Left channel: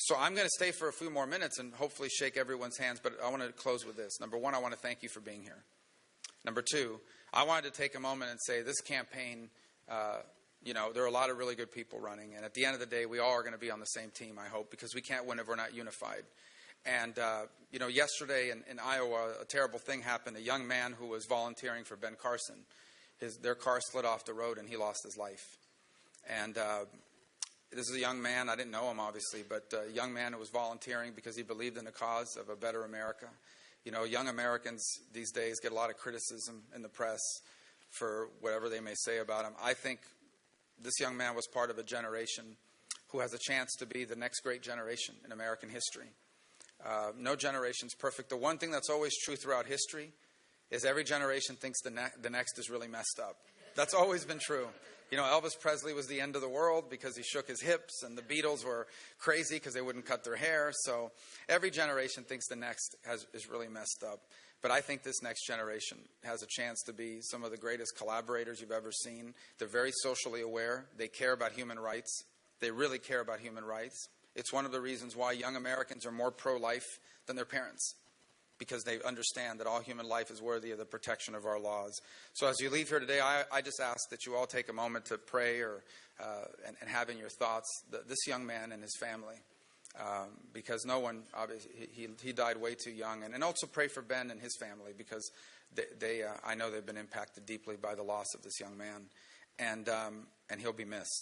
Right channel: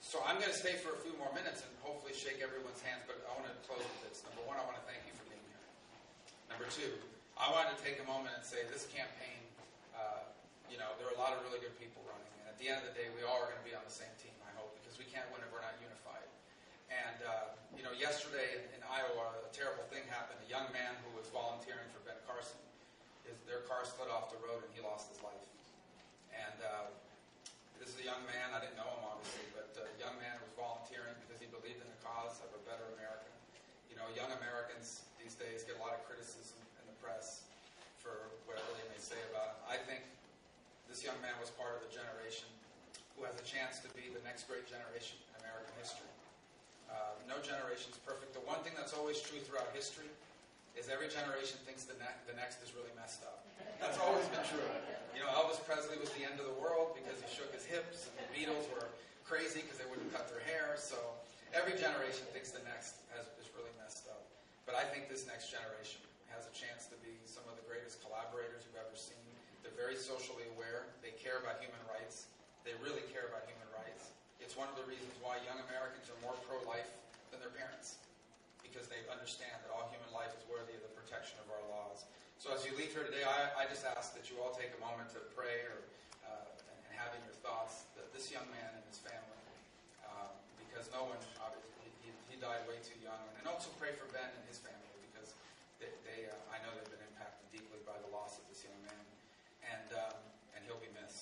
So I'm going to stay for a few more minutes and hopefully shake everyone's hands, but I want to close with this. Number one, I want to thank you for being here. Number two, I wanted to take a moment and say this campaign, there are a lot of really good people running, and at the end of the day, we all are going to be on the same team, I hope, because we can't win if we're not unified. And, yesterday in Iowa, a terrible thing happened. A young man who was volunteering for Ben Carson, their car slid off the road and he lost his life. And this is a young man, I didn't know him obviously, but a young man who was volunteering because he believed in the cause of a better America. Young Americans these days get a lot of criticism in the press for whatever they may say about him. I think this young man was part of a generation who has a chance to be the next great generation in American history. No generation's perfect. The one thing that's always true throughout history is every generation thinks the next is really messed up. That's always been true. Elvis Presley was the end of the world because he shook his hips, and the Beatles were crazy because they wouldn't cut their hair. So every generation thinks the next is really messed up. But I think this next generation has a chance to be some of the greatest collaborators you've ever seen. They're very socially aware. They care about human rights. They really care about human rights. It's one of the reasons why young Americans are more pro-life than their parents, because they understand that all human life is worthy of the protection of our laws. So as you leave here today, I just ask that you all take a moment to pray and have in your thoughts this young man and his family, because no one, obviously, he died way too young. And also pray for Ben and his family, because I know they've been impacted deeply by the loss of this young man, and he'll be missed.